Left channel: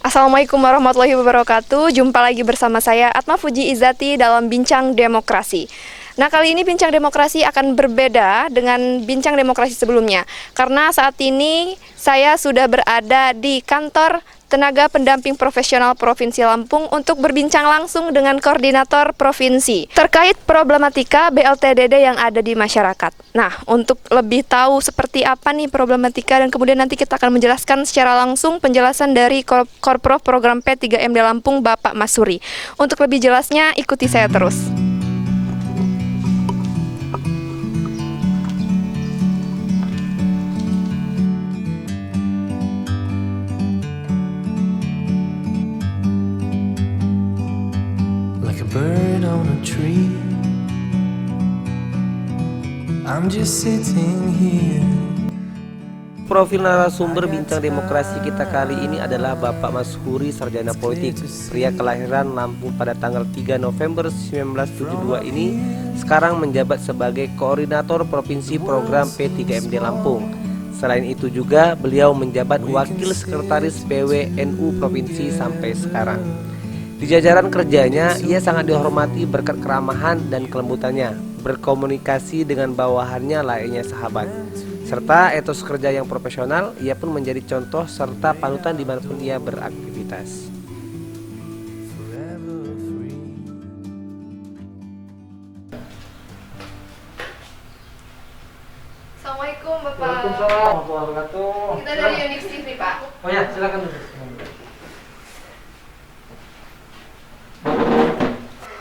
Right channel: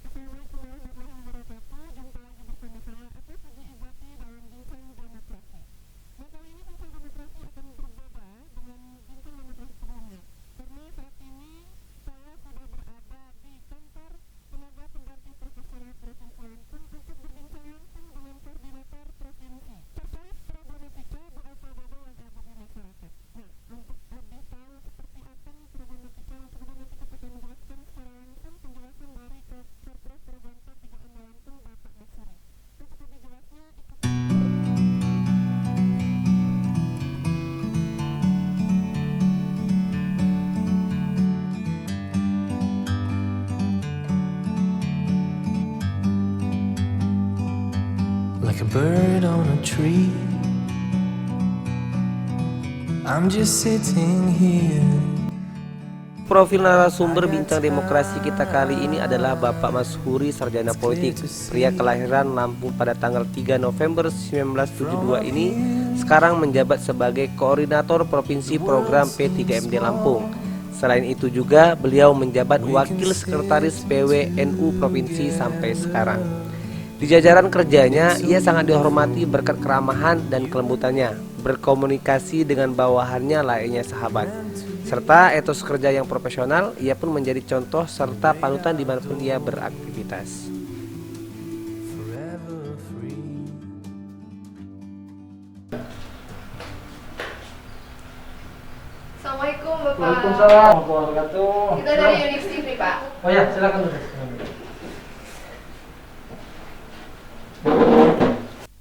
Assalamualaikum warahmatullahi wabarakatuh. Jumpa lagi bersama saya Atma Fuji Izati dalam Bincang Demokrasi. Nah, kali ini Bincang Demokrasi akan berbeda dengan Bincang Demokrasi sebelumnya. Karena saat ini saya sudah berada di kantor Tenaga Pendamping Profesional Provinsi Lampung untuk berbincang langsung dengan koordinator provinsi terkait problematika BLTDD yang ada di masyarakat. Nah, untuk lebih tahu seperti apa nih problematika dan kemudian nanti kita akan menjelaskan secara langsung penjelasan dari Korprov Program P3MD Lampung, Bapak Masuri. Untuk lebih jelasnya, ikuti saya terus. Like a bird on a tree, I'm just sitting here. Profil narasumber Bincang Demokrasi kita kali ini adalah Bapak Masuri, sarjana politik, pria kelahiran Lampung pada tanggal 3 November 1972 ini sekarang menjabat sebagai Koordinator Provinsi Program P3MD Lampung. Selain itu juga beliau menjabat Wakil Sekretaris PWNU Provinsi sampai sekarang. Di jajaran kerjanya, ia sangat dihormati berkat keramahan dan kelembutannya, berkomunikasi dengan bawahannya layaknya sahabat, serta etos kerja yang profesional. Ia pun menjadi contoh serta panutan dimanapun ia beraktivitas. Assalamualaikum Bapak. Waalaikumsalam warahmatullahi wabarakatuh. Kita dari Unix TV, Pak. Oh ya, silakan duduk.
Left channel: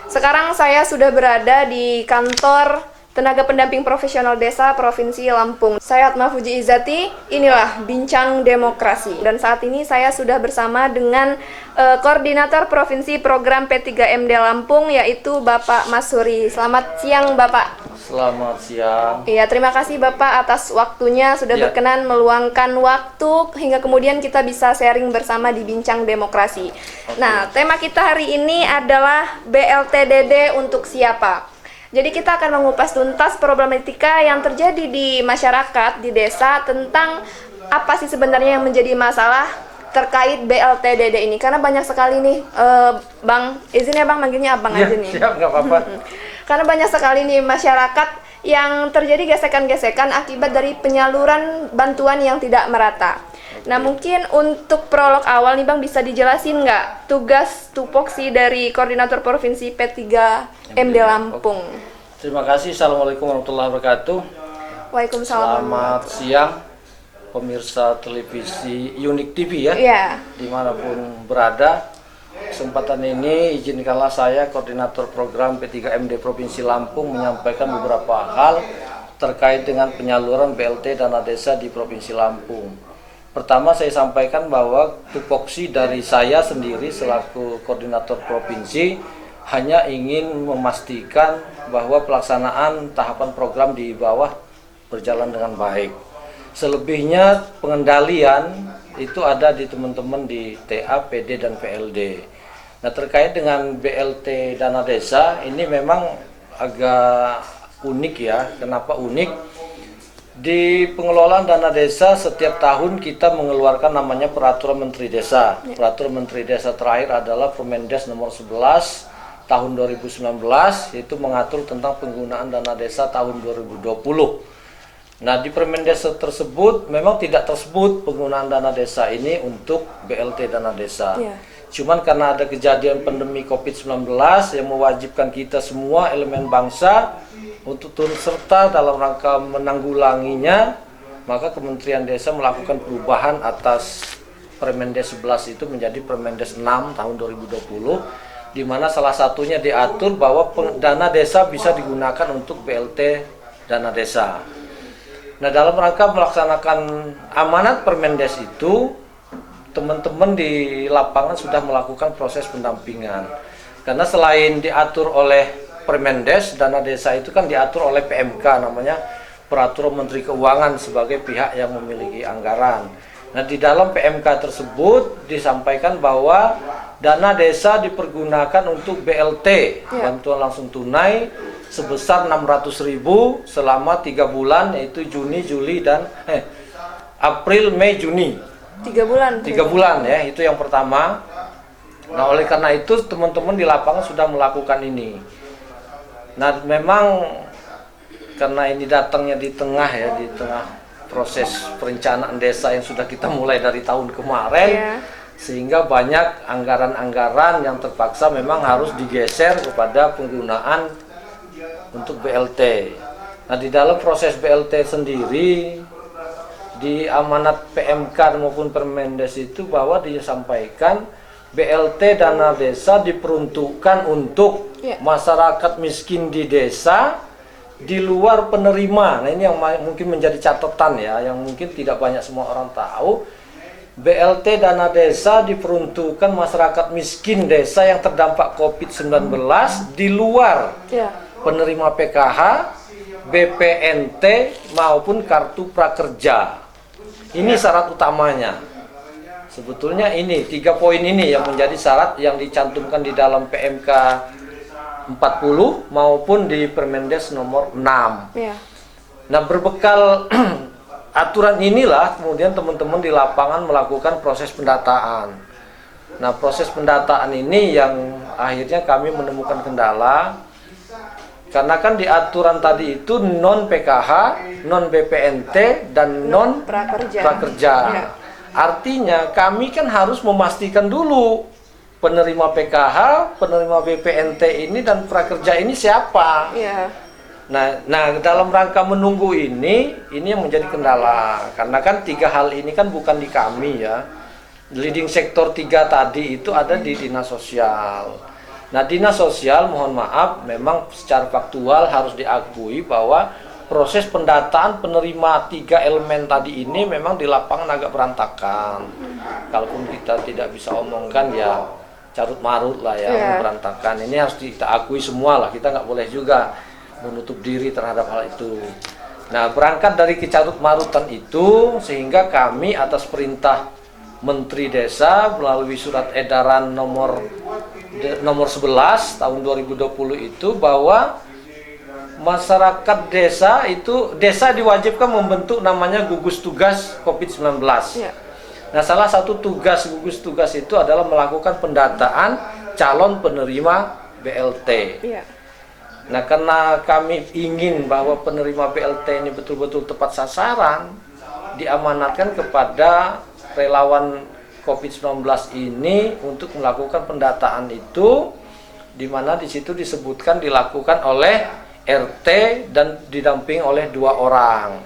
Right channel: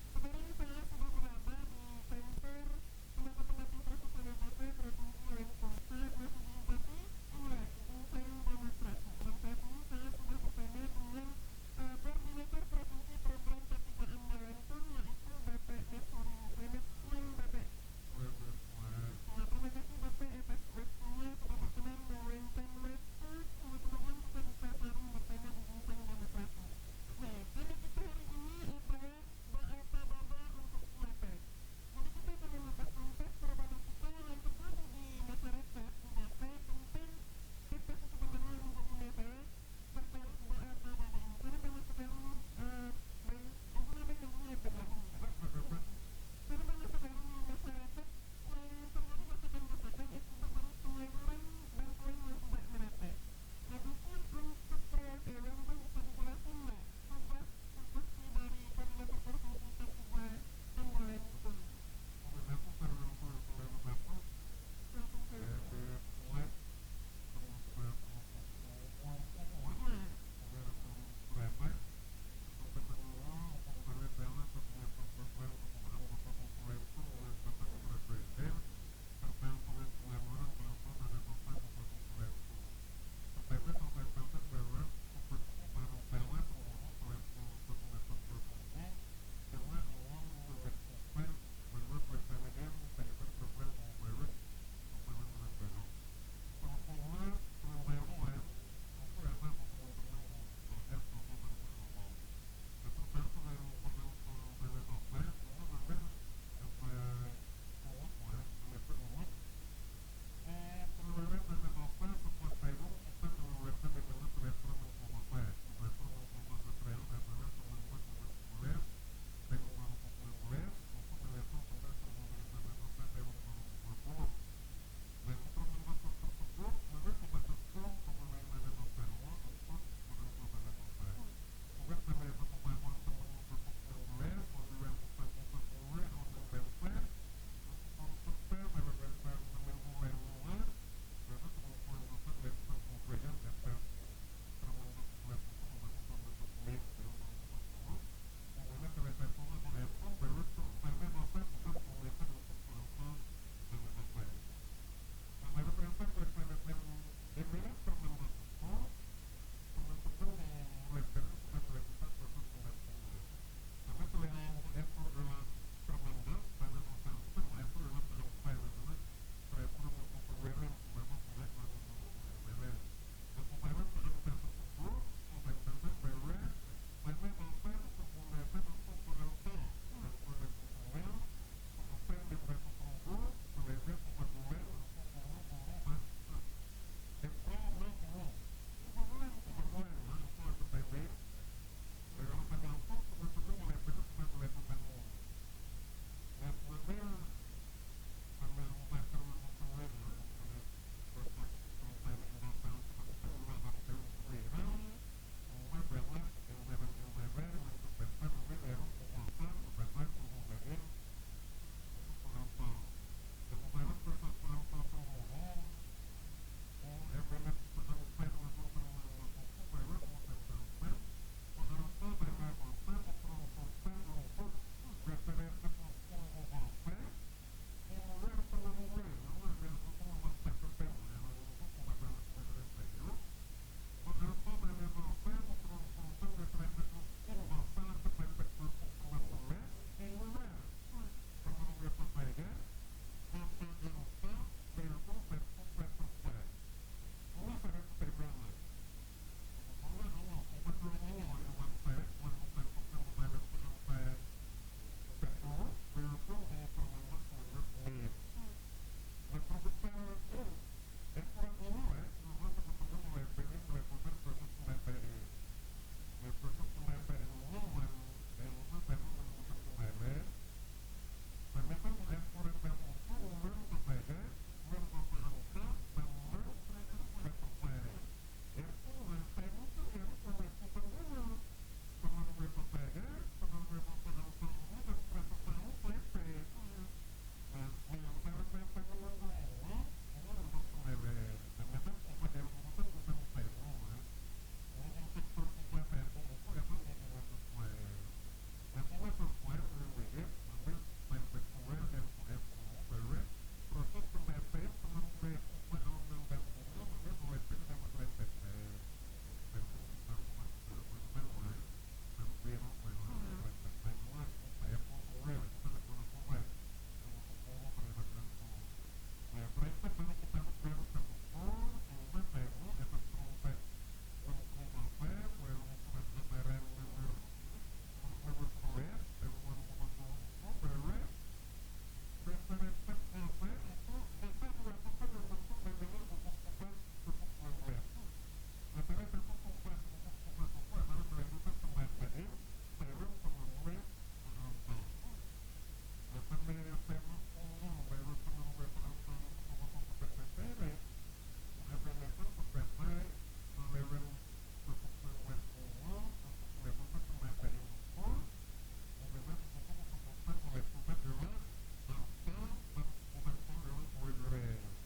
Sekarang saya sudah berada di kantor Tenaga Pendamping Profesional Desa Provinsi Lampung. Saya Atma Fuji Izati, inilah Bincang Demokrasi. Dan saat ini saya sudah bersama dengan Koordinator Provinsi Program P3MD Lampung, yaitu Bapak Masuri. Selamat siang, Bapak. Selamat siang. Iya, terima kasih Bapak atas waktunya sudah berkenan meluangkan waktu hingga kemudian kita bisa sharing bersama di Bincang Demokrasi. Nah, tema kita hari ini adalah BLTDD untuk siapa? Jadi kita akan mengupas tuntas problematika yang terjadi di masyarakat, di desa, tentang apa sih sebenarnya yang menjadi masalah terkait BLTDD ini. Karena banyak sekali nih, Bang, izin ya Bang, manggilnya Abang aja nih. Siap, nggak apa-apa. Karena banyak sekali nih masyarakat yang terjadi gesekan-gesekan akibat dari penyaluran bantuan yang tidak merata. Nah, mungkin untuk prolog awal nih Bang, bisa dijelasin nggak tugas tupoksi dari Koordinator Provinsi P3MD Lampung? Terima kasih. Assalamualaikum warahmatullahi wabarakatuh. Waalaikumsalam. Selamat siang pemirsa televisi Unik TV ya, Iya. dimanapun berada. Kesempatan ini izinkanlah saya, Koordinator Program P3MD Provinsi Lampung, menyampaikan beberapa hal terkait dengan penyaluran BLT dana desa di Provinsi Lampung. Pertama, saya sampaikan bahwa tupoksi dari saya sendiri selaku Koordinator Provinsi hanya ingin memastikan bahwa pelaksanaan tahapan program di bawah berjalan dengan baik. Selebihnya pengendalian itu ada di teman-teman di TA, PD, dan PLD. Nah, terkait dengan BLT dana desa ini memang agak unik ya. Kenapa unik? Di pengelolaan dana desa setiap tahun kita mengeluarkan namanya Peraturan Menteri Desa. Peraturan Menteri Desa terakhir adalah Permendes nomor 11 tahun 2019, yaitu mengatur tentang penggunaan dana desa tahun 2020. Nah, di Permendes tersebut memang tidak tersebut penggunaan dana desa ini untuk BLT dana desa. Cuman karena ada kejadian pandemi COVID-19 yang mewajibkan kita semua elemen bangsa untuk turut serta dalam rangka menanggulanginya, maka Kementerian Desa melakukan perubahan atas Permendes 11 itu menjadi Permendes 6 tahun 2020, di mana salah satunya diatur bahwa dana desa bisa digunakan untuk BLT dana desa. Nah, dalam rangka melaksanakan amanat Permendes itu, teman-teman di lapangan sudah melakukan proses pendampingan. Karena selain diatur oleh Permendes, dana desa itu kan diatur oleh PMK, namanya Peraturan Menteri Keuangan sebagai pihak yang memiliki anggaran. Nah, di dalam PMK tersebut disampaikan bahwa dana desa dipergunakan untuk BLT, bantuan langsung tunai, sebesar 600.000 selama 3 bulan, yaitu Juni, Juli, dan April, Mei, Juni. 3 bulan. 3 bulan ya, itu yang pertama. Nah, oleh karena itu teman-teman di lapangan sudah melakukan ini. Nah, memang karena ini datangnya di tengah ya, di tengah proses perencanaan desa yang sudah kita mulai dari tahun kemarin, Iya. sehingga banyak anggaran-anggaran yang terpaksa memang harus digeser kepada penggunaan untuk BLT. Nah, di dalam proses BLT sendiri, di amanat PMK maupun Permendes itu bahwa disampaikan BLT dana desa diperuntukkan untuk Ya. masyarakat miskin di desa di luar penerima. Nah, ini yang mungkin menjadi catatan ya, yang mungkin tidak banyak semua orang tahu. BLT dana desa diperuntukkan masyarakat miskin desa yang terdampak COVID-19 di luar Ya. penerima PKH, BPNT maupun kartu prakerja. Ini syarat utamanya. Sebetulnya ini 3 poin ini yang menjadi syarat yang dicantumkan di dalam PMK 40 maupun di Permendes nomor 6. Ya. Nah, berbekal aturan inilah kemudian teman-teman di lapangan melakukan proses pendataan. Nah, proses pendataan ini yang akhirnya kami menemukan kendala. Karena kan di aturan tadi itu non PKH, non BPNT, dan non prakerja. Ya. Artinya kami kan harus memastikan dulu penerima PKH, penerima BPNT ini dan prakerja ini siapa. Ya. Nah, dalam rangka menunggu ini yang menjadi kendala. Karena kan 3 hal ini kan bukan di kami ya. Leading sektor 3 tadi itu ada di Dinas Sosial. Nah, Dinas Sosial mohon maaf memang secara faktual harus diakui bahwa proses pendataan penerima 3 elemen tadi ini memang di lapangan agak berantakan. Kalaupun kita tidak bisa omongkan ya carut marut lah ya, berantakan. Ini harus kita akui semua lah, kita nggak boleh juga menutup diri terhadap hal itu. Nah, berangkat dari kecarut marutan itu sehingga kami atas perintah Menteri Desa melalui surat edaran nomor 11 tahun 2020 itu bahwa masyarakat desa diwajibkan membentuk namanya gugus tugas COVID-19. Ya. Nah, salah satu tugas gugus tugas itu adalah melakukan pendataan calon penerima BLT. Ya. Nah, karena kami ingin bahwa penerima BLT ini betul-betul tepat sasaran, diamanatkan kepada relawan COVID-19 ini untuk melakukan pendataan itu, di mana di situ disebutkan dilakukan oleh RT dan didampingi oleh 2 orang.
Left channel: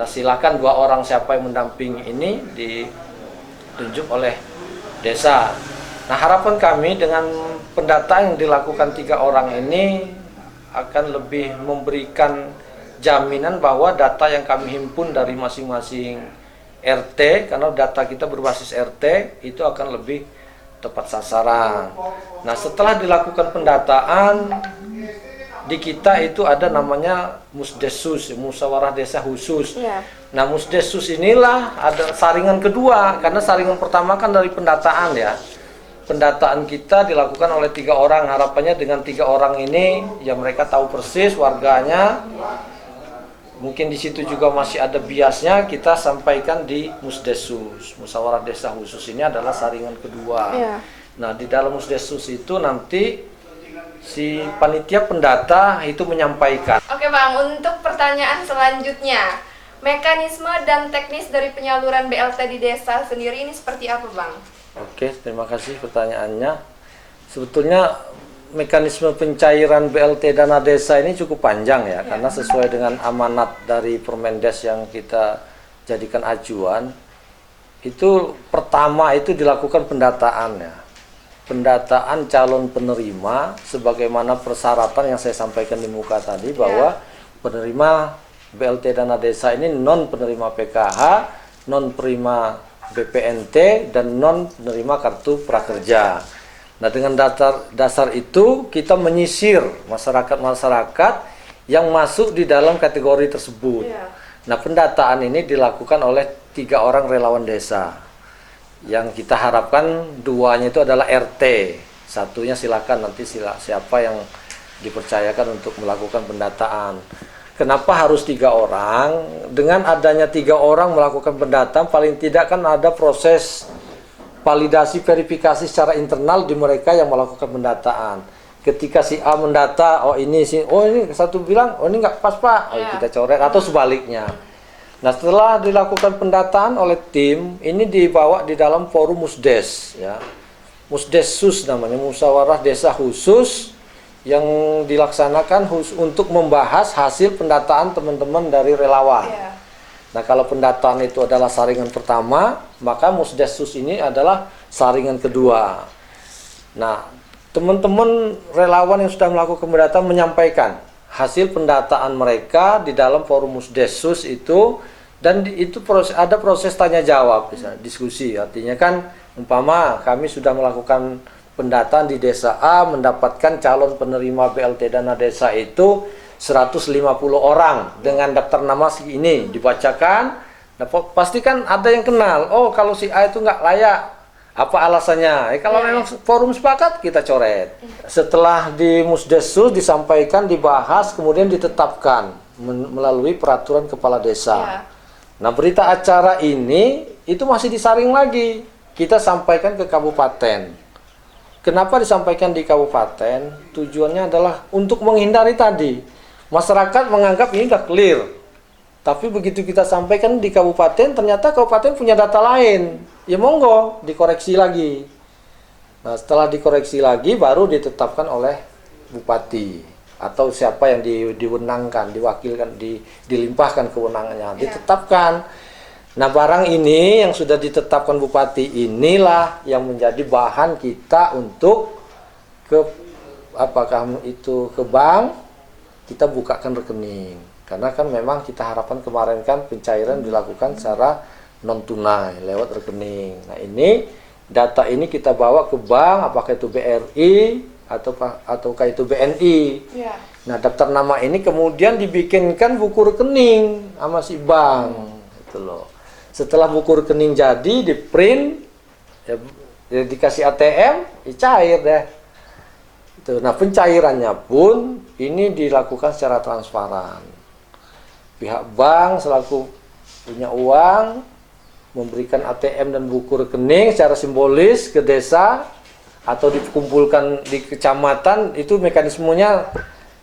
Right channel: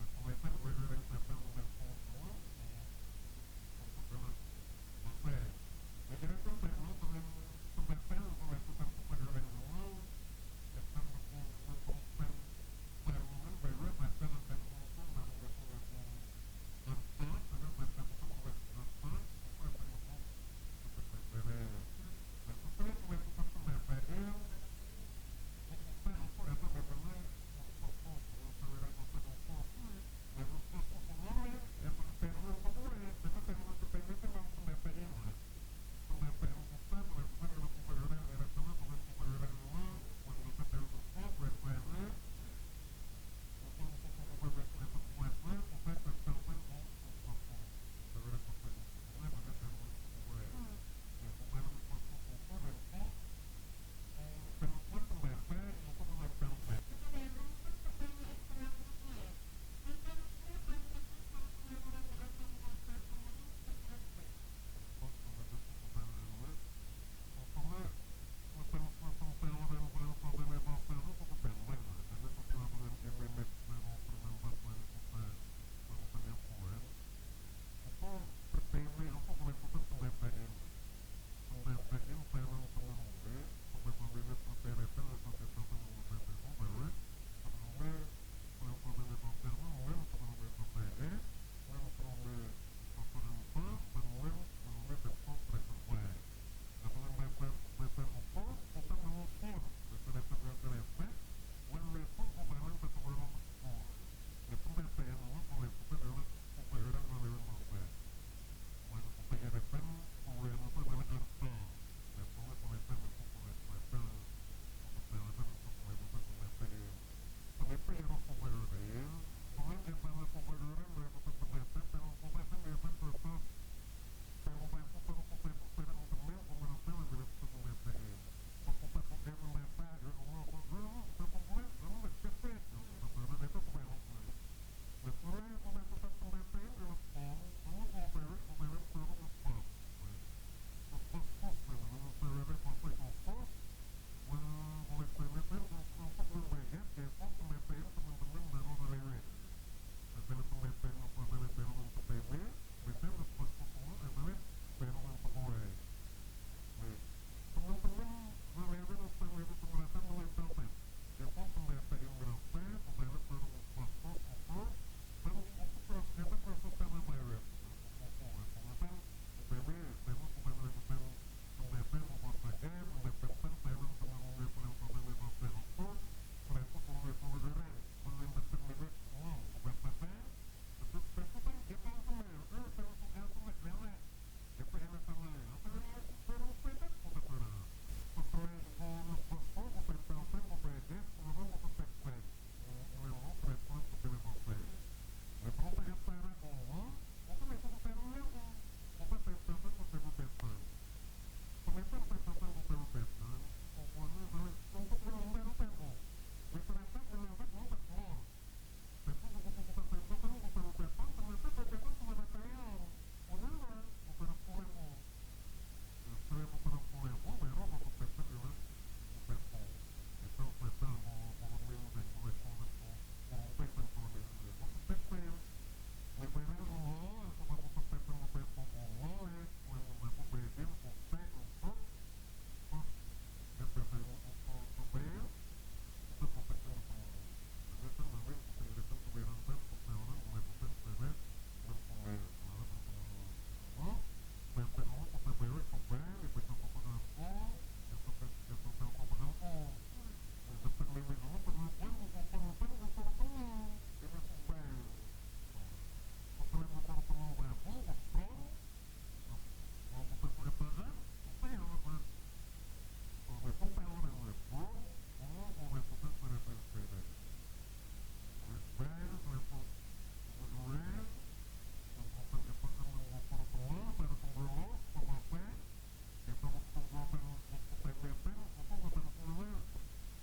Nah, silakan 2 orang siapa yang mendampingi ini ditunjuk oleh desa. Nah, harapan kami dengan pendataan yang dilakukan 3 orang ini akan lebih memberikan jaminan bahwa data yang kami himpun dari masing-masing RT, karena data kita berbasis RT, itu akan lebih tepat sasaran. Nah, setelah dilakukan pendataan, di kita itu ada namanya Musdesus, Musyawarah Desa Khusus. Ya. Nah, Musdesus inilah ada saringan kedua, karena saringan pertama kan dari pendataan ya. Pendataan kita dilakukan oleh 3 orang, harapannya dengan 3 orang ini ya mereka tahu persis warganya. Mungkin di situ juga masih ada biasnya, kita sampaikan di Musdesus. Musyawarah Desa Khusus ini adalah saringan kedua. Ya. Nah, di dalam Musdesus itu nanti si panitia pendata itu menyampaikan. Oke Bang, untuk pertanyaan selanjutnya, mekanisme dan teknis dari penyaluran BLT di desa sendiri ini seperti apa Bang? Oke, terima kasih pertanyaannya. Sebetulnya mekanisme pencairan BLT dana desa ini cukup panjang ya, karena sesuai dengan amanat dari Permendes yang kita jadikan acuan, itu pertama itu dilakukan pendataan ya. Pendataan calon penerima sebagaimana persyaratan yang saya sampaikan di muka tadi, bahwa penerima BLT dana desa ini non penerima PKH, non penerima BPNT, dan non penerima kartu prakerja. Nah, dengan dasar itu kita menyisir masyarakat-masyarakat yang masuk di dalam kategori tersebut. Nah, pendataan ini dilakukan oleh 3 orang relawan desa. Yang kita harapkan 2-nya itu adalah RT, 1-nya silakan nanti siapa yang dipercayakan untuk melakukan pendataan. Kenapa harus 3 orang? Dengan adanya 3 orang melakukan pendataan, paling tidak kan ada proses validasi verifikasi secara internal di mereka yang melakukan pendataan. Ketika si A mendata, oh ini satu bilang, oh ini nggak pas Pak, oh, kita coret, atau sebaliknya. Nah setelah dilakukan pendataan oleh tim, ini dibawa di dalam forum Musdes, ya. Musdesus namanya, musyawarah desa khusus, yang dilaksanakan untuk membahas hasil pendataan teman-teman dari relawan. Iya. Nah kalau pendataan itu adalah saringan pertama, maka Musdesus ini adalah saringan kedua. Nah teman-teman relawan yang sudah melakukan pendataan menyampaikan hasil pendataan mereka di dalam forum Musdesus itu, dan itu ada proses tanya jawab, bisa diskusi. Artinya kan umpama kami sudah melakukan pendataan di desa A, mendapatkan calon penerima BLT dana desa itu 150 orang dengan daftar nama ini dibacakan. Nah, pasti kan ada yang kenal, oh kalau si A itu nggak layak, apa alasannya? Kalau memang forum sepakat, kita coret. Setelah di Musdesus disampaikan, dibahas, kemudian ditetapkan melalui peraturan kepala desa. Nah berita acara ini itu masih disaring lagi, kita sampaikan ke kabupaten. Kenapa disampaikan di kabupaten? Tujuannya adalah untuk menghindari tadi masyarakat menganggap ini sudah clear, tapi begitu kita sampaikan di kabupaten, ternyata kabupaten punya data lain, ya monggo dikoreksi lagi. Nah setelah dikoreksi lagi baru ditetapkan oleh bupati atau siapa yang diwenangkan, diwakilkan, dilimpahkan kewenangannya, ditetapkan. Nah barang ini yang sudah ditetapkan bupati inilah yang menjadi bahan kita untuk apakah itu ke bank, kita bukakan rekening. Karena kan memang kita harapkan kemarin kan pencairan dilakukan secara non tunai lewat rekening. Nah ini data ini kita bawa ke bank, apakah itu BRI ataukah itu BNI. Yeah. Nah daftar nama ini kemudian dibikinkan buku rekening sama si bank, gitu loh. Setelah buku rekening jadi, di print, ya dikasih ATM, ya cair deh. Nah pencairannya pun ini dilakukan secara transparan. Pihak bank selaku punya uang memberikan ATM dan buku rekening secara simbolis ke desa atau dikumpulkan di kecamatan, itu mekanismenya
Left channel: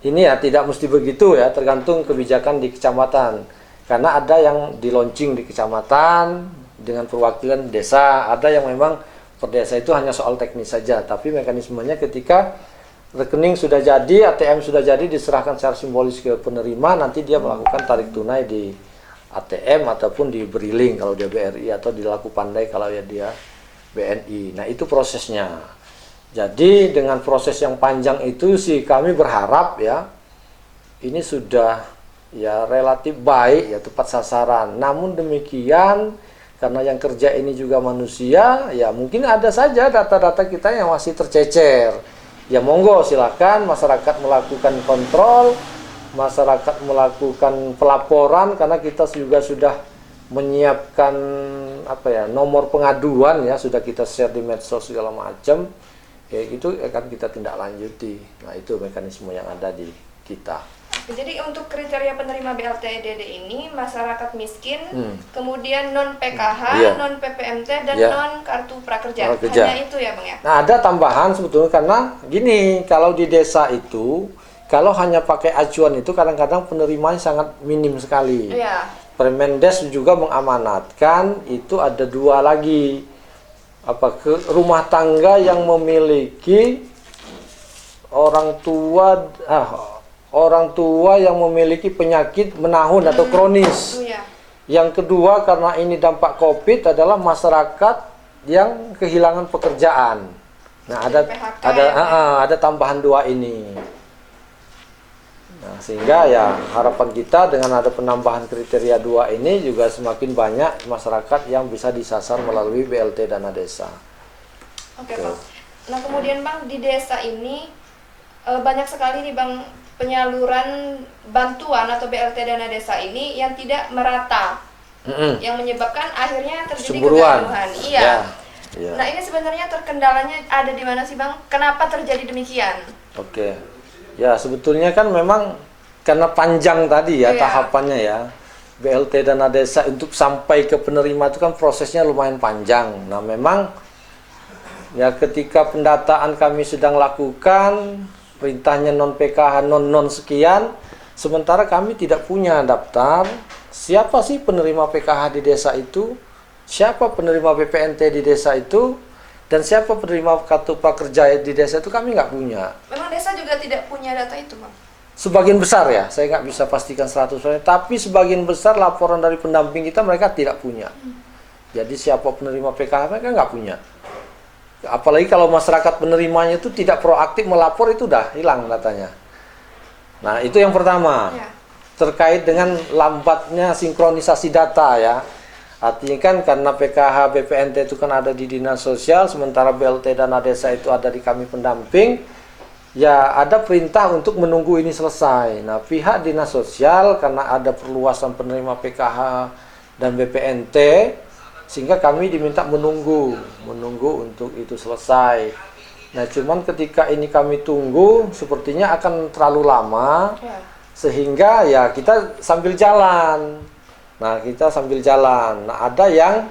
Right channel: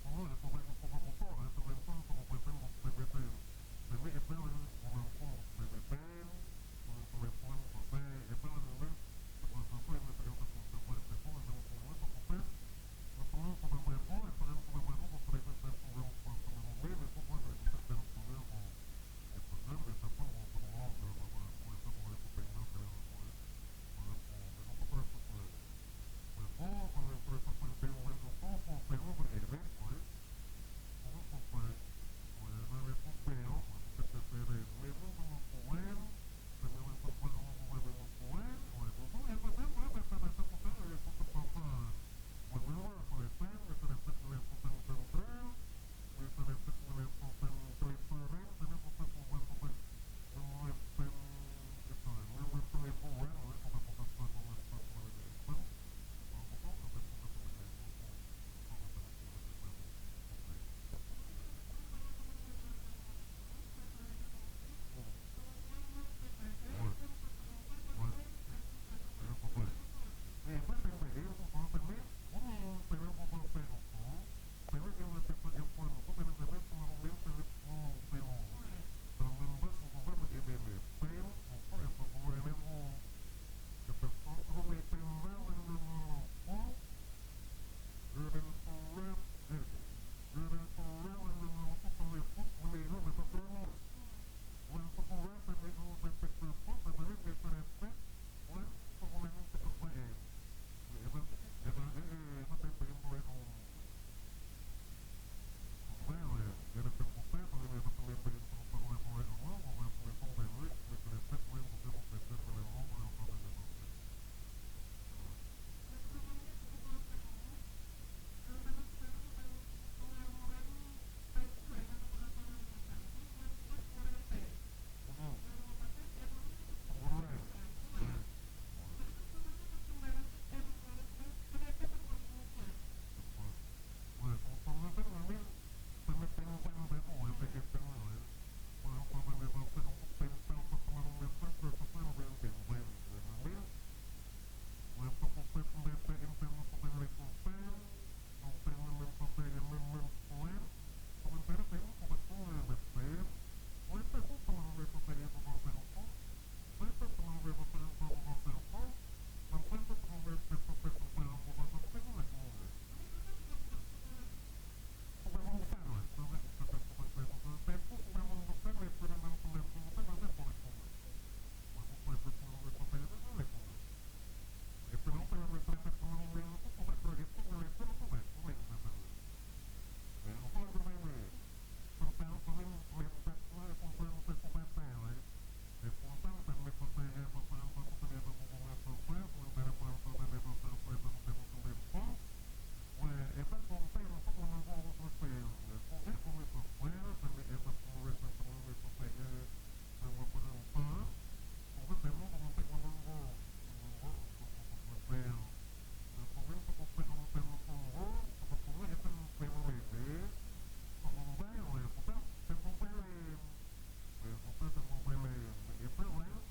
ini ya tidak mesti begitu ya, tergantung kebijakan di kecamatan. Karena ada yang di launching di kecamatan dengan perwakilan desa, ada yang memang per desa itu hanya soal teknis saja, tapi mekanismenya ketika rekening sudah jadi, ATM sudah jadi, diserahkan secara simbolis ke penerima, nanti dia melakukan tarik tunai di ATM ataupun diberi link kalau dia BRI, atau di Laku Pandai kalau ya dia BNI. Nah itu prosesnya. Jadi dengan proses yang panjang itu sih kami berharap ya ini sudah ya relatif baik, ya tepat sasaran. Namun demikian karena yang kerja ini juga manusia, ya mungkin ada saja data-data kita yang masih tercecer. Ya monggo silakan masyarakat melakukan kontrol, masyarakat melakukan pelaporan, karena kita juga sudah menyiapkan nomor pengaduan ya, sudah kita share di medsos segala macam. Ya itu akan kita tindak lanjuti. Nah itu mekanisme yang ada di kita. Jadi untuk kriteria penerima BLT-DD ini masyarakat miskin, kemudian non PKH, non PPMT, dan non kartu prakerja. Hanya itu ya Bang ya? Nah ada tambahan sebetulnya, karena gini, kalau di desa itu kalau hanya pakai acuan itu kadang-kadang penerimanya sangat minim sekali. Permendes juga mengamanatkan itu ada 2 lagi, rumah tangga yang memiliki orang tua yang memiliki penyakit menahun atau kronis. Yang kedua, karena ini dampak COVID, adalah masyarakat yang kehilangan pekerjaan. Nah ada tambahan 2 ini. Nah, sehingga ya harapan kita dengan ada penambahan kriteria 2 ini juga semakin banyak masyarakat yang bisa disasar melalui BLT dana desa. Oke Bang. Nah kemudian Bang, di desa ini banyak sekali nih Bang penyaluran bantuan atau BLT dana desa ini yang tidak merata, yang menyebabkan akhirnya terjadi kegaduhan. Iya. Nah ini sebenarnya terkendalanya ada di mana sih Bang? Kenapa terjadi demikian? Oke. Ya sebetulnya kan memang karena panjang tadi ya Iya. tahapannya ya. BLT dana desa untuk sampai ke penerima itu kan prosesnya lumayan panjang. Nah memang ya ketika pendataan kami sedang lakukan, perintahnya non PKH non sekian, sementara kami tidak punya daftar siapa sih penerima PKH di desa itu, siapa penerima BPNT di desa itu, dan siapa penerima kartu prakerja di desa itu kami nggak punya. Memang desa juga tidak punya data itu, Bang? Sebagian besar ya, saya nggak bisa pastikan 100%, tapi sebagian besar laporan dari pendamping kita mereka tidak punya. Jadi siapa penerima PKH mereka nggak punya. Apalagi kalau masyarakat penerimanya itu tidak proaktif melapor, itu udah hilang datanya. Nah itu yang pertama, Ya. terkait dengan lambatnya sinkronisasi data ya. Artinya kan karena PKH BPNT itu kan ada di dinas sosial, sementara BLT dana desa itu ada di kami pendamping. Ya ada perintah untuk menunggu ini selesai. Nah pihak dinas sosial karena ada perluasan penerima PKH dan BPNT, sehingga kami diminta menunggu untuk itu selesai. Nah cuman ketika ini kami tunggu sepertinya akan terlalu lama, Ya. sehingga ya kita sambil jalan. Nah kita sambil jalan. Nah ada yang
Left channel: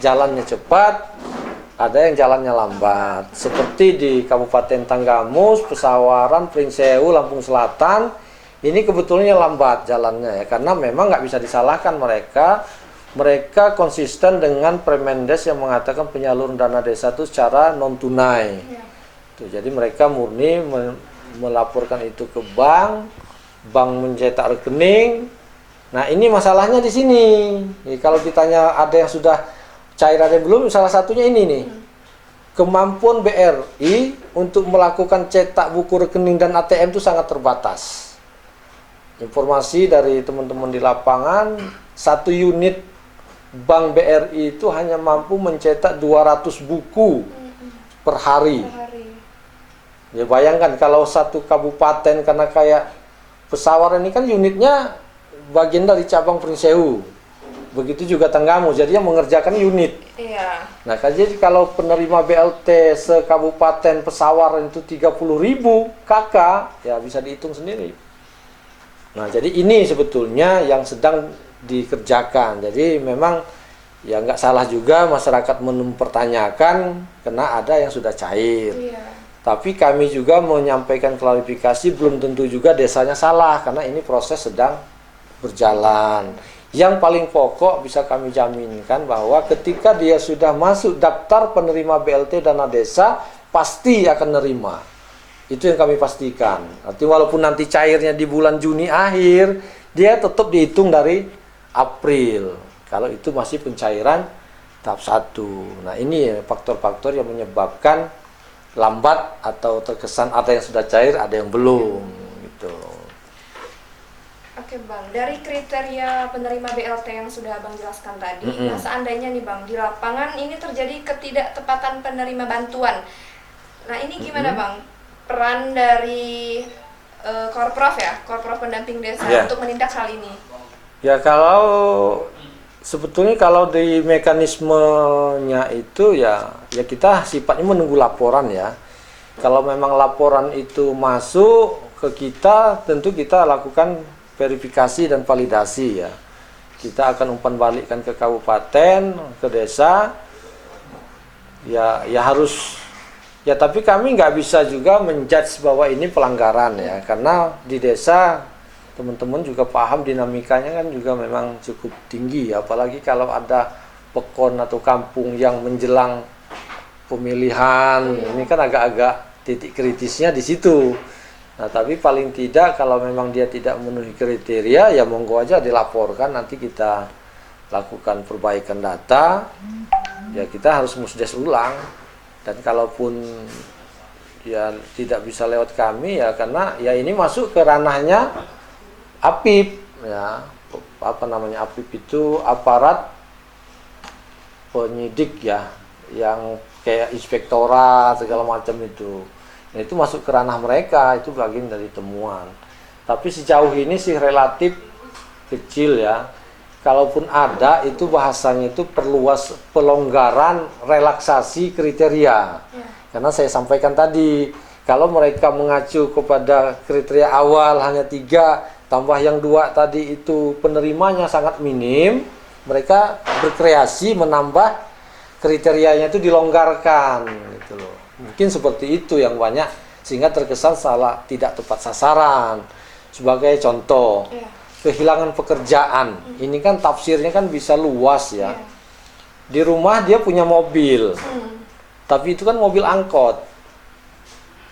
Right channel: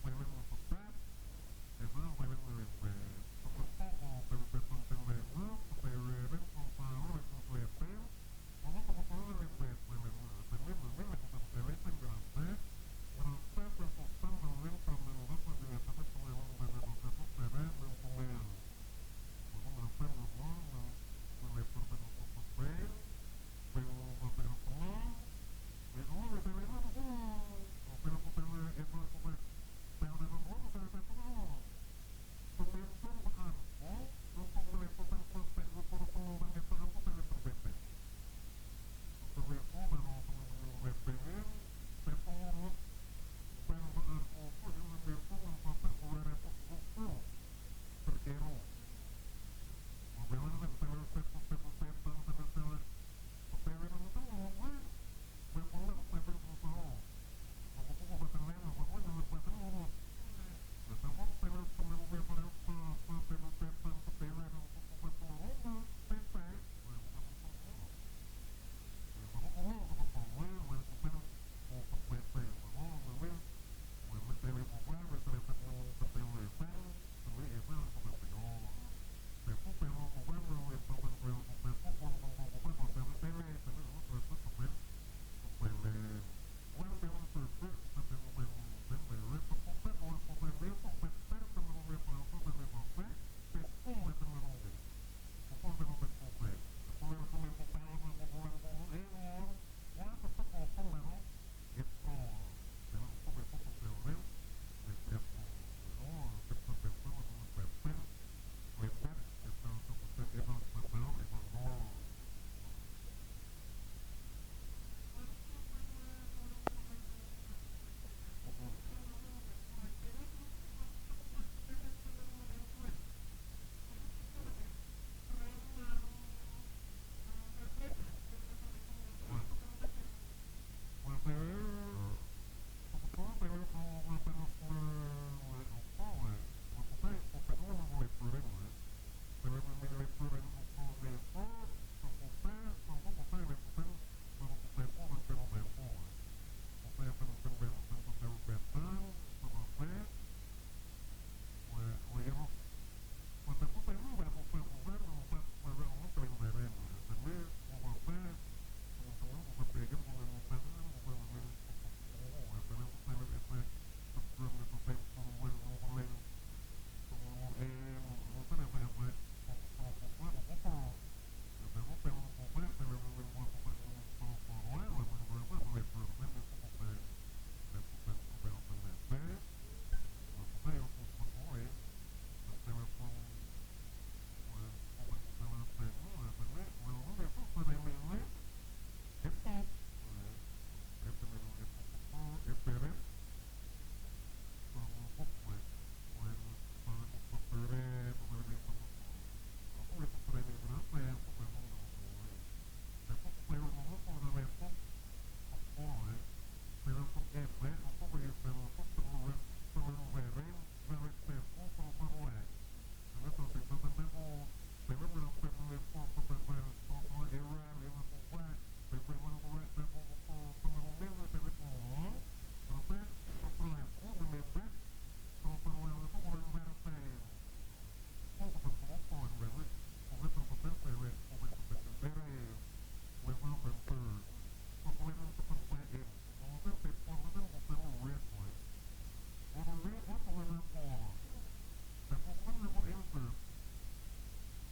jalannya cepat, ada yang jalannya lambat. Seperti di Kabupaten Tanggamus, Pesawaran, Pringsewu, Lampung Selatan, ini kebetulannya lambat jalannya ya, karena memang nggak bisa disalahkan mereka. Mereka konsisten dengan Permendes yang mengatakan penyaluran dana desa itu secara non tunai. Ya. Tuh, jadi mereka murni melaporkan itu ke bank mencetak rekening. Nah ini masalahnya di sini. Jadi, kalau ditanya ada yang sudah cair ada yang belum, salah satunya ini nih. Kemampuan BRI untuk melakukan cetak buku rekening dan ATM itu sangat terbatas. Informasi dari teman-teman di lapangan, satu unit bank BRI itu hanya mampu mencetak 200 buku per hari. Ya bayangkan kalau satu kabupaten, karena kayak Pesawaran ini kan unitnya bagian dari cabang Pringsewu. Begitu juga Tanggamus, jadi yang mengerjakan unit. Iya. Nah, jadi kalau penerima BLT sekabupaten Pesawaran itu 30.000 KK, ya bisa dihitung sendiri. Nah, jadi ini sebetulnya yang sedang dikerjakan. Jadi memang ya nggak salah juga masyarakat mempertanyakan karena ada yang sudah cair. Iya. Tapi kami juga menyampaikan klarifikasi, belum tentu juga desanya salah karena ini proses sedang berjalan. Yang paling pokok bisa kami jaminkan bahwa ketika dia sudah masuk daftar penerima BLT dana desa, pasti akan nerima. Itu yang kami pastikan. Artinya walaupun nanti cairnya di bulan Juni akhir, dia tetap dihitung dari April. Kalau itu masih pencairan tahap 1. Nah ini faktor-faktor yang menyebabkan lambat atau terkesan ada yang sudah cair, ada yang belum. Gitu. Oke Bang, dari kriteria penerima BLT yang sudah Abang jelaskan tadi, nah seandainya nih Bang, di lapangan ini terjadi ketidaktepatan penerima bantuan. Nah ini gimana Bang, peran dari Korprov ya, Korprov pendamping desa untuk menindak hal ini? Ya kalau sebetulnya kalau di mekanismenya itu ya kita sifatnya menunggu laporan ya. Kalau memang laporan itu masuk ke kita, tentu kita lakukan verifikasi dan validasi ya. Kita akan umpan balikkan ke kabupaten, ke desa. Ya harus ya, tapi kami nggak bisa juga menjudge bahwa ini pelanggaran ya, karena di desa teman-teman juga paham dinamikanya kan juga memang cukup tinggi, apalagi kalau ada pekon atau kampung yang menjelang pemilihan, ini kan agak-agak titik kritisnya di situ. Nah, tapi paling tidak kalau memang dia tidak memenuhi kriteria, ya monggo aja dilaporkan, nanti kita lakukan perbaikan data, ya kita harus musdes ulang. Dan kalaupun ya tidak bisa lewat kami ya karena ya ini masuk ke ranahnya APIP ya, apa namanya APIP itu aparat penyidik ya, yang kayak inspektorat segala macam itu. Nah, itu masuk ke ranah mereka, itu bagian dari temuan. Tapi sejauh ini sih relatif kecil ya. Kalaupun ada itu bahasanya itu perluas pelonggaran relaksasi kriteria. Karena saya sampaikan tadi, kalau mereka mengacu kepada kriteria awal hanya 3, tambah yang 2 tadi itu penerimanya sangat minim, mereka berkreasi menambah kriterianya itu dilonggarkan gitu loh. Mungkin seperti itu yang banyak sehingga terkesan salah, tidak tepat sasaran. Sebagai contoh, kehilangan pekerjaan. Ini kan tafsirnya kan bisa luas ya. Di rumah dia punya mobil. Tapi itu kan mobil angkot.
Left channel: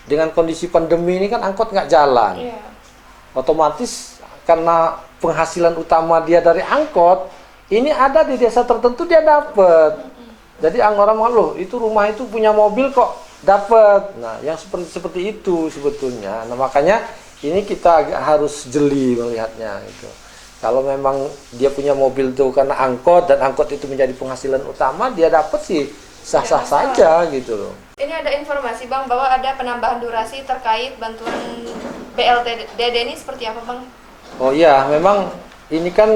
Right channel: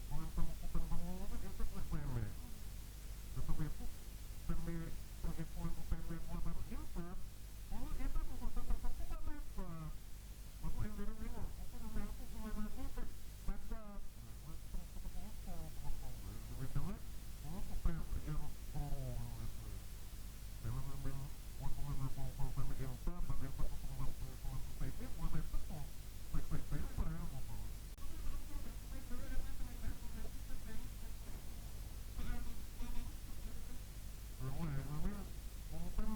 Dengan kondisi pandemi ini kan angkot nggak jalan. Otomatis karena penghasilan utama dia dari angkot, ini ada di desa tertentu dia dapat. Jadi orang loh, itu rumah itu punya mobil kok dapat. Nah, yang seperti itu sebetulnya. Nah, makanya ini kita agak harus jeli melihatnya gitu. Kalau memang dia punya mobil tuh karena angkot dan angkot itu menjadi penghasilan utama, dia dapat sih sah-sah saja gitu loh. Ini ada informasi Bang bahwa ada penambahan durasi terkait bantuan BLT-DD ini seperti apa Bang? Oh iya, memang ini kan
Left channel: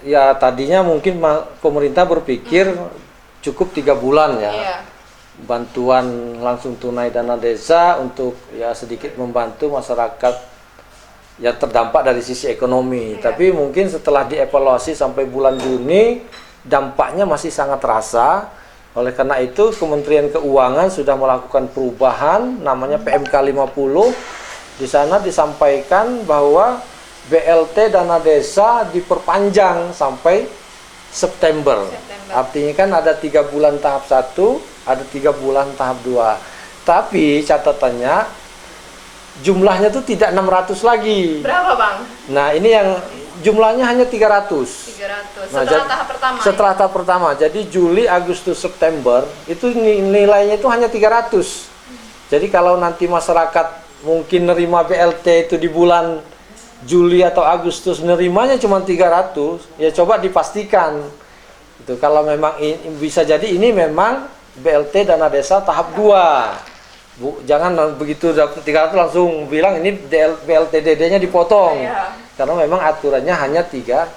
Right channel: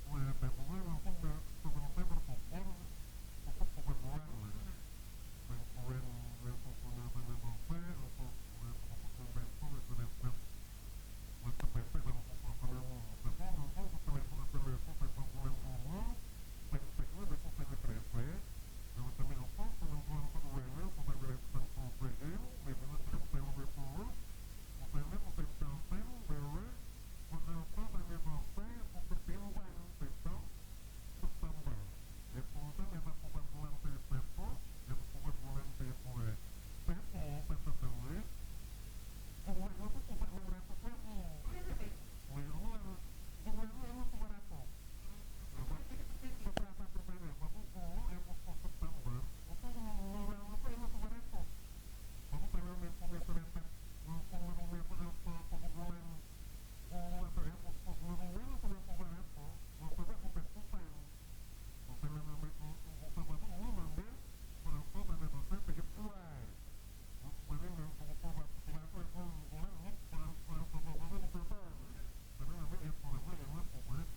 ya tadinya mungkin pemerintah berpikir cukup 3 bulan ya. Bantuan langsung tunai dana desa untuk ya sedikit membantu masyarakat yang terdampak dari sisi ekonomi. Tapi mungkin setelah dievaluasi sampai bulan Juni, dampaknya masih sangat terasa. Oleh karena itu, Kementerian Keuangan sudah melakukan perubahan, namanya PMK 50. Di sana disampaikan bahwa BLT dana desa diperpanjang sampai September. Artinya kan ada 3 bulan tahap 1, ada 3 bulan tahap 2. Tapi catatannya, jumlahnya tuh tidak 600 lagi. Berapa Bang? Nah ini yang jumlahnya hanya 300. 300. Nah, Setelah tahap pertama. Setelah tahap pertama. Jadi Juli, Agustus, September itu nilainya itu hanya 300. Jadi kalau nanti masyarakat mungkin nerima BLT itu di bulan Juli atau Agustus nerimanya cuma 300, ya coba dipastikan. Itu kalau memang bisa jadi ini memang BLT dana desa tahap 2. Jangan begitu dapat 300 langsung bilang ini BLT DD-nya dipotong. Karena memang aturannya hanya 300.000.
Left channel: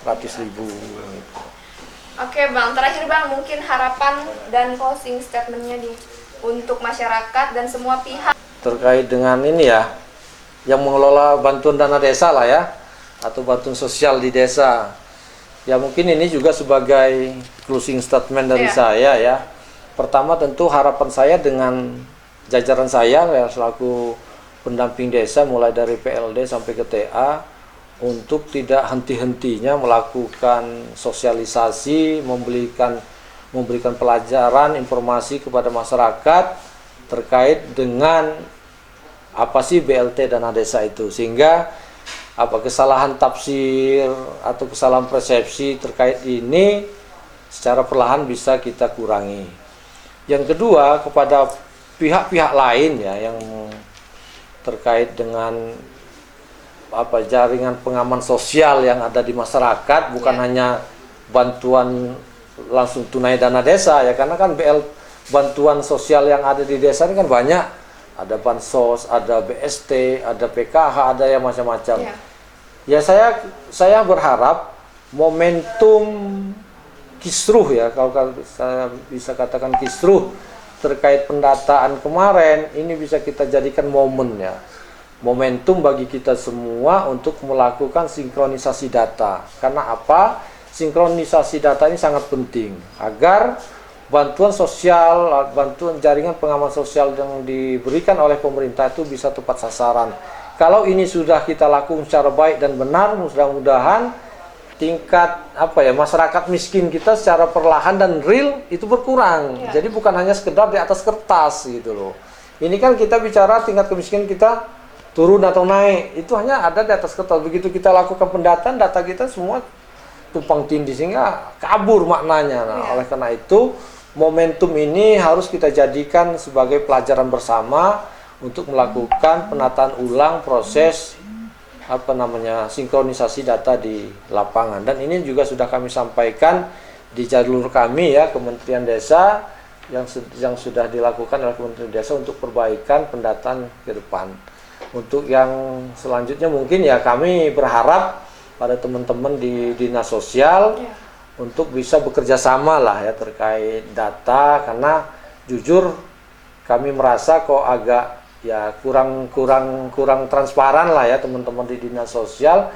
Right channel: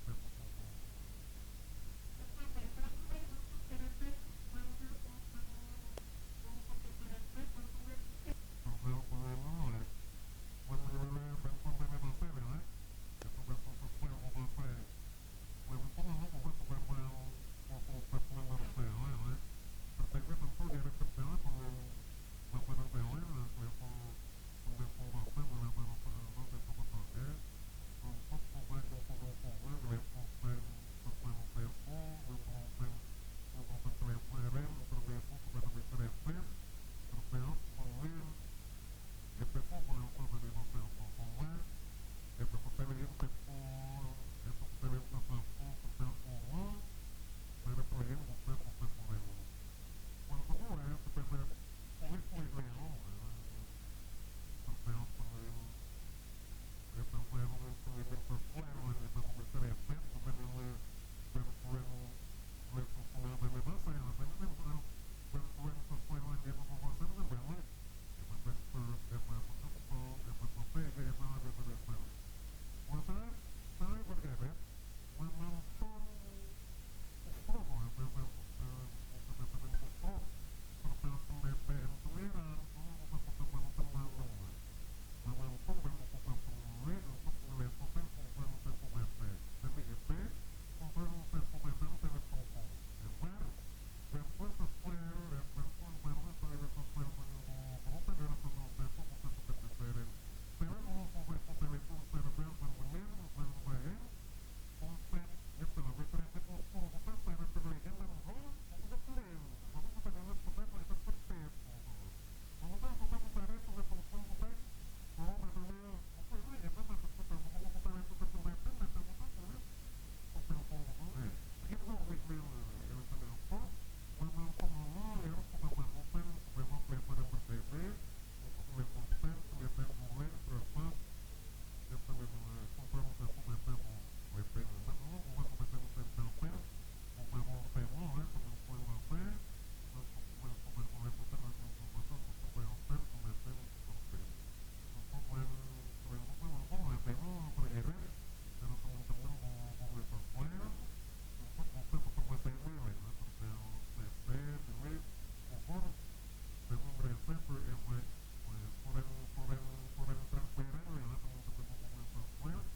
Oke Bang, terakhir Bang, mungkin harapan dan closing statement-nya untuk masyarakat dan semua pihak. Terkait dengan ini ya, yang mengelola bantuan dana desa lah ya, atau bantuan sosial di desa. Ya mungkin ini juga sebagai closing statement dari saya ya. Pertama tentu harapan saya dengan jajaran saya ya, selaku pendamping desa mulai dari PLD sampai ke TA untuk tidak henti-hentinya melakukan sosialisasi, memberikan pelajaran, informasi kepada masyarakat terkait dengan apa sih BLT dana desa itu, sehingga apa kesalahan tafsir atau kesalahan persepsi terkait ini secara perlahan bisa kita kurangi. Yang kedua, kepada pihak-pihak lain ya yang terkait dengan apa jaringan pengaman sosial yang ada di masyarakat, bukan hanya bantuan langsung tunai dana desa ya, karena kan bantuan sosial yang ada di desa ini kan banyak, ada bansos, ada BST, ada PKH, ada yang macam-macam. Ya saya berharap momentum kisruh ya, kalau saya bisa katakan kisruh terkait pendataan kemarin ini bisa kita jadikan momen ya, momentum bagi kita semua untuk melakukan sinkronisasi data. Karena apa? Sinkronisasi data ini sangat penting agar bantuan sosial, bantuan jaringan pengaman sosial yang diberikan oleh pemerintah itu bisa tepat sasaran. Kalau ini sudah kita lakukan secara baik dan benar, mudah-mudahan tingkat masyarakat miskin kita secara perlahan dan real itu berkurang. Jadi bukan hanya sekedar di atas kertas gitu loh. Ini kan kita bicara tingkat kemiskinan kita turun atau naik, itu hanya ada di atas kertas. Begitu kita lakukan pendataan, data kita semua tumpang tindih sehingga kabur maknanya. Nah, oleh karena itu momentum ini harus kita jadikan sebagai pelajaran bersama untuk melakukan penataan ulang proses sinkronisasi data di lapangan. Dan ini juga sudah kami sampaikan di jalur kami ya, Kementerian Desa yang sudah dilakukan oleh Kementerian Desa untuk perbaikan pendataan ke depan. Untuk yang selanjutnya mungkin ya kami berharap pada teman-teman di Dinas Sosial untuk bisa bekerja sama lah ya terkait data, karena jujur kami merasa kok agak ya kurang transparan lah ya teman-teman di Dinas Sosial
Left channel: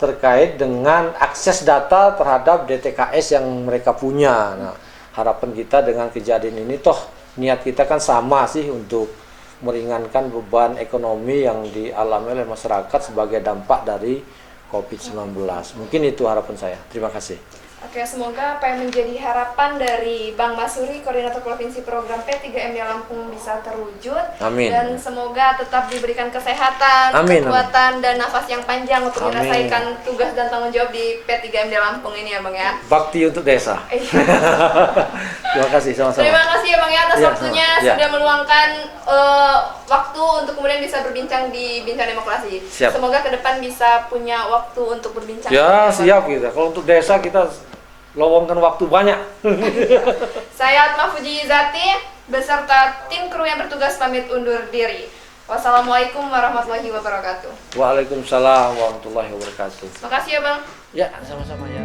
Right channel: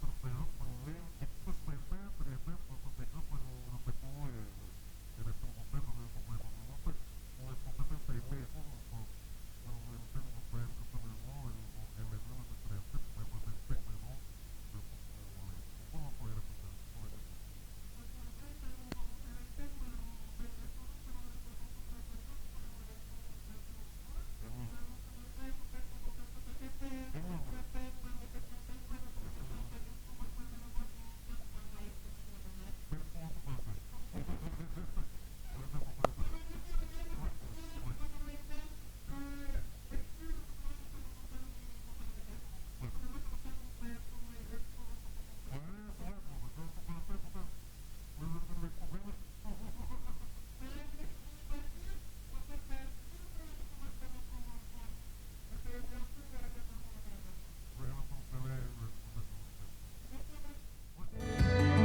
terkait dengan akses data terhadap DTKS yang mereka punya. Nah, harapan kita dengan kejadian ini, toh niat kita kan sama sih, untuk meringankan beban ekonomi yang dialami oleh masyarakat sebagai dampak dari COVID-19. Mungkin itu harapan saya. Terima kasih. Oke, semoga apa yang menjadi harapan dari Bang Masuri, Koordinator Provinsi Program P3MD Lampung bisa terwujud. Amin. Dan semoga tetap diberikan kesehatan, Amin, kekuatan, dan nafas yang panjang untuk Amin. menyelesaikan tugas dan tanggung jawab di P3MD Lampung ini ya Bang ya. Bakti untuk desa. Terima kasih, sama-sama. Terima kasih ya Bang ya atas Ya, waktunya sama. Ya. sudah meluangkan waktu untuk kemudian bisa berbincang di Bincang Demokrasi. Siap. Semoga ke depan bisa punya waktu untuk berbincang. Ya, Bang. siap kita. Kalau untuk desa kita lowongkan waktu banyak. Saya Atma Fuji Izati beserta tim kru yang bertugas pamit undur diri. Wassalamualaikum warahmatullahi wabarakatuh. Waalaikumsalam warahmatullahi wabarakatuh. Makasih ya Bang. Ya, sama-sama ya.